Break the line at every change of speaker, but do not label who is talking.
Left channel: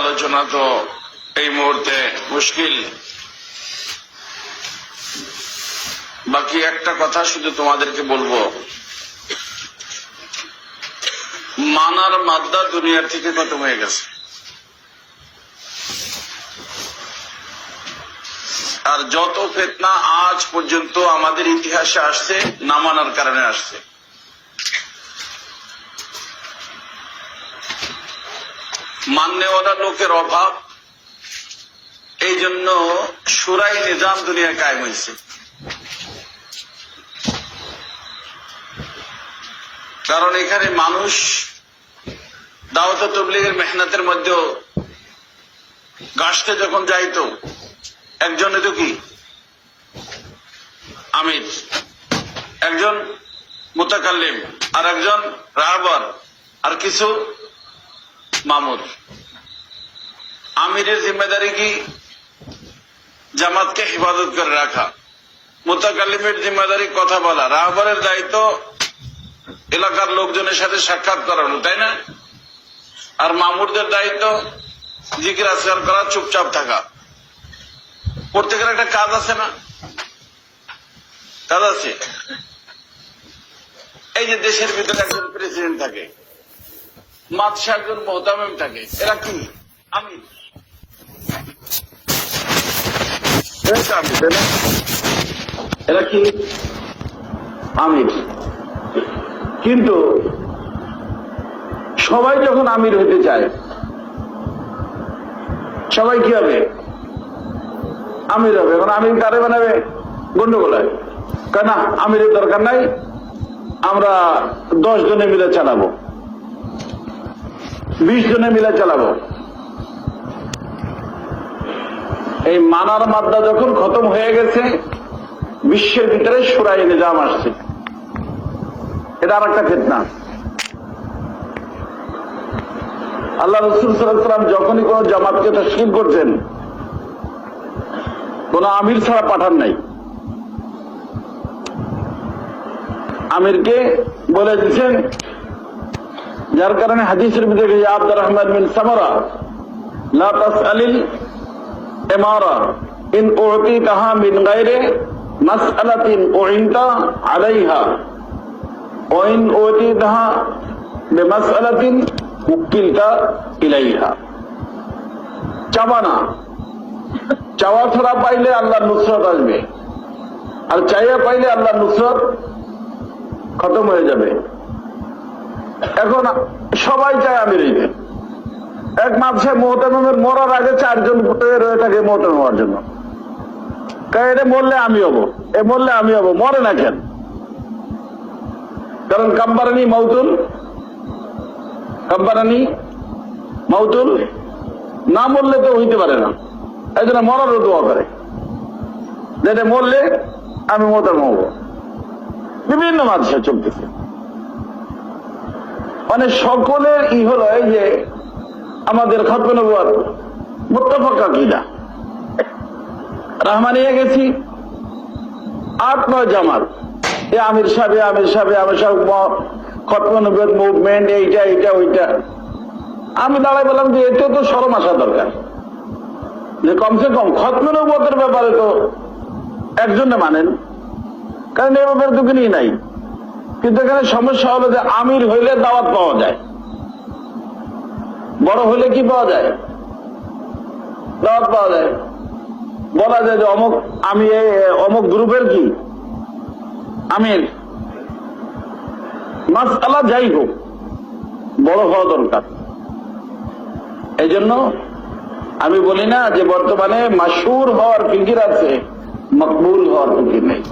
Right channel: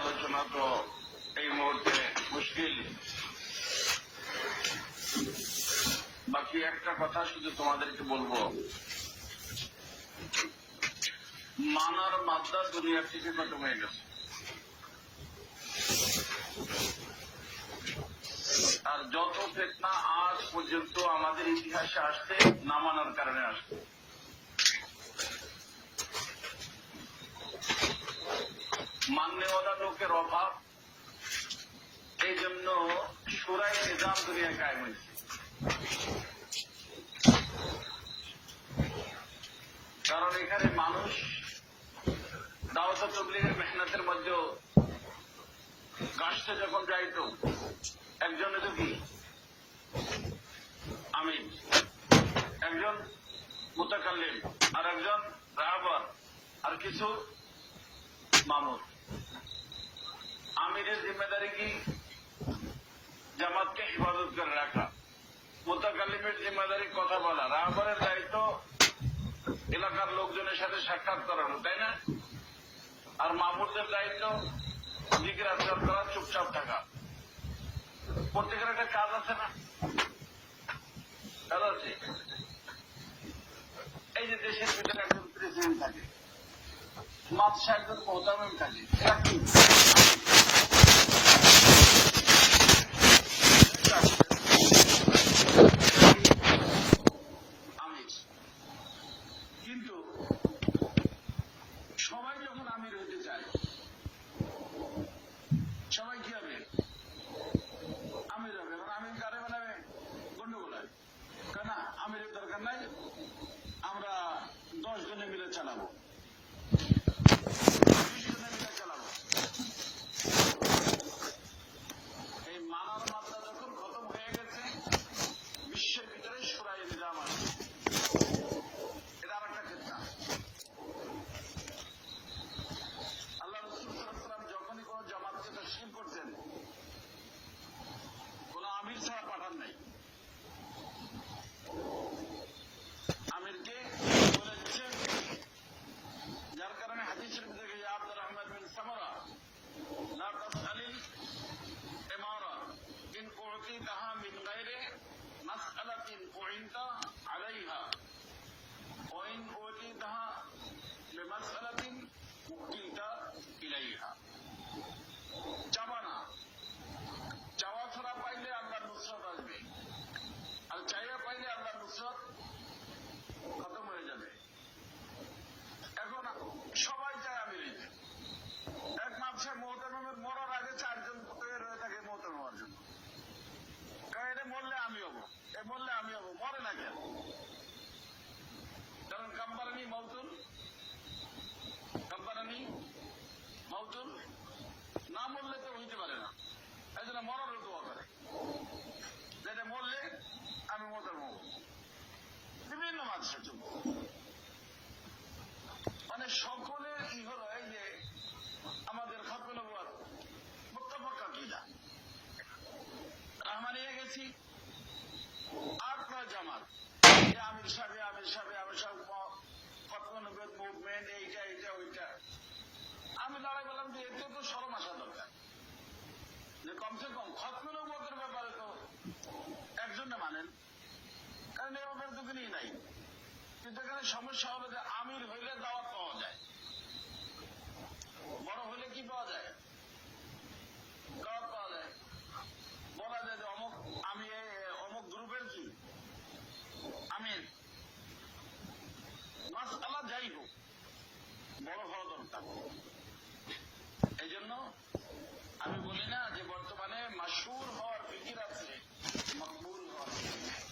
আলোচনা তো এই মুহূর্তে মুশকিল। বাকি একটা কথা শুধু তোমাদেরকে বলব। মানার মাদ্দা দুনিয়ার থেকে খতম হয়ে গেছে। আর যত ফেতনা আজ পর্যন্ত আমাদের ইতিহাসে আসছে, না মানার কারণে আসছে। মান্যওয়ালা লোকের অভাব, এই জন্য সুরাই নিজাম দুনিয়া কায়েম হয়েছে। কারণ এখানে মানুষ দাওয়াত তবলিগের মেহনতের মধ্যেও গাছতে যখন যাইতো একজন তো কি? আমির। একজন মুতাকাল্লিম আর একজন রাহবার, আর কিছু মামুর আমিরের জিম্মেদারি কি? জামাতকে হেফাজত করে রাখা। মুতাকাল্লিমের জিম্মেদারি কথা বলা। রাহবারের দায়িত্ব এলাকার লোকজনের সাথে সাক্ষাৎ করানো, তাই না? আর মামুরদের দায়িত্ব জিকির আসকার করা, চুপচাপ থাকা। প্রত্যেকের একটা কাজ আছে না? কাজ আছে। এই যে দেশের ভিতরে একজন প্রেসিডেন্ট থাকে। মাতসা একজন থাকে। এরা কি? এরা কি? আমির। কিন্তু সবাই যখন আমির হতে চায়, সবাই কি হবে? আমির হবে। এখন আমির কারে বানাবে? গন্ডগোল হয় কেন আমিরের দরকার নাই, আমরা দশ জনে মিলে চালাবো। বিশ জনে মিলে চালাবো। এই মানার মাদ্দা যখন খতম হয়ে গেছে, বিশ্বের ভিতরে সুরাই নিজাম আসছে। এটা আর একটা ফেতনা। আল্লাহ রসুল সাল্লাম যখনই কোন জামাতকে তশকিল করতেন কোন আমির ছাড়া পাঠান নাই। আমিরকে বলে দিচ্ছেন যার কারণে হাদিসের ভিতরে আব্দুর রহমান বিন সামরা, লা তাসআলিল ইমারা, ইন উতিতাহা মিন গায়রি মাসআলাতিন উইনতা আলাইহা ওয়াইন উতিতাহা বিমাসআলাতিন উকিলতা ইলাইহা। চাবা না চাওয়া ছাড়া পাইলে আল্লাহ নুসরত আসবে। আর চাইয়া পাইলে আল্লাহ নুসরত খতম হয়ে যাবে। এখন সবাই চায় আমির এক মাসে মোহতামের মরার আগে চারজন রয়ে থাকে মোহতাম হওয়ার জন্য। কারণ এটা মরলে আমি হব। এ মরলে আমি হব। মরে না কেন? কারণ কাম্বারানি মাউতুল কাম্বারানি মাউতুল না মরলে তো হইতে পারে না। এই জন্য মরারও দোয়া করে। যেটা মরলে আমি মোহতাম হব। বিভিন্ন মাঝে চলতেছে। মানে সকলের ই হলো এই যে আমাদের খতম নবুয়ার মুত্তাফাকা কিনা রহমানিয়া গেছি। আট নয় জামাত। এ আমির সাহেব আমির সাহেব আমির সাহেব খতম নবুয়ার মুভমেন্ট এইটা এইটা, ওইটা। আমি দাঁড়াই বললাম যে এতে তো সরম আসা দরকার। যে কমসে কম খতম নবুয়াতের ব্যাপারে তো একজনে মানেন কারণ এই ব্যাপারে তো নাই। কিন্তু এখানে সমস্যা হলো যে আমির হইলে দাওয়াত পাওয়া যায়। বড় হইলে কি পাওয়া যায়? দাওয়াত পাওয়া যায়। বলা যায় যে অমুক আমি অমুক গ্রুপের কি? আমির। মাসালা যাই হোক, বড় হওয়া দরকার। এই জন্য আমি বলি না যে বর্তমানে মাসুর হওয়ার ফিকির আছে, মকবুল হওয়ার ফিকির নেই।